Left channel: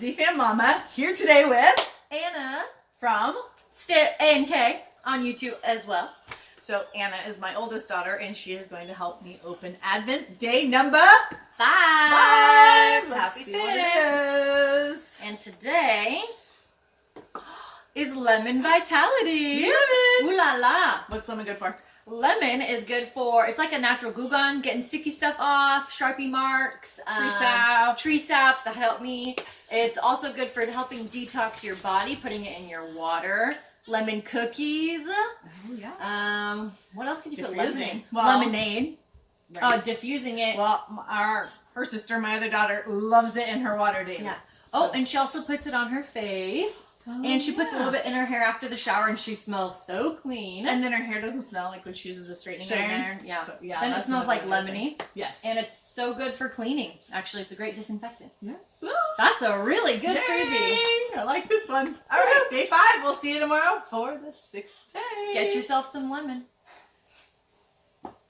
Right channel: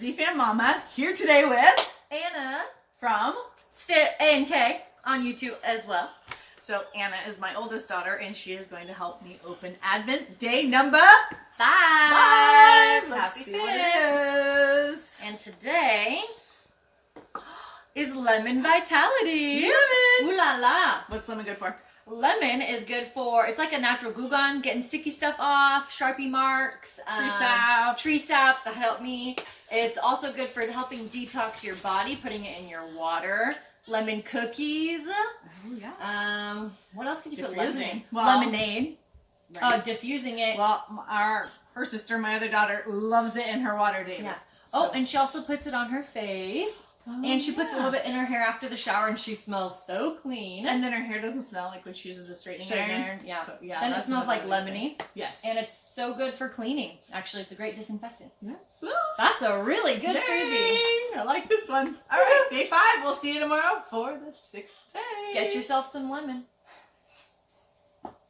Z-Fam Mama, here today with Anna from... A&K on YouTube as well. So Anna is my oldest daughter, and she is going to help me open Advent day number 5. Let's Happy see 5th. what it is. And today is Lemon Vitality. Lemon! Ooh la la. What's lemon good for? Lemon is good for, it's like a natural Goo Gone, getting sticky stuff off, Sharpie marks, Tree sap. that help me. It's also good for helping detox your body, putting it in your water. Lemon cookies. Oh, yes. What else could you put Diffusing. lemon in? Well, Lemonade. Right. Diffusing it. Well, her sister, my other daughter, loves it in her water daily. Yeah. So. Oh, and she also puts it on her face. Oh, and she puts a yeah. little bit in her hair after the shower, and she smells so clean. And then her hair doesn't smell like when she uses a straightening iron. Yeah. So, yeah. Then it that's smells like another good lemony. thing. Yes. And it's so good for cleaning. Actually, it's a great disinfectant. Yes. That's a really good freebie. Yay! I like this one. All right, day 5. We'll see you tomorrow for the 6th day. Get yourself some lemon.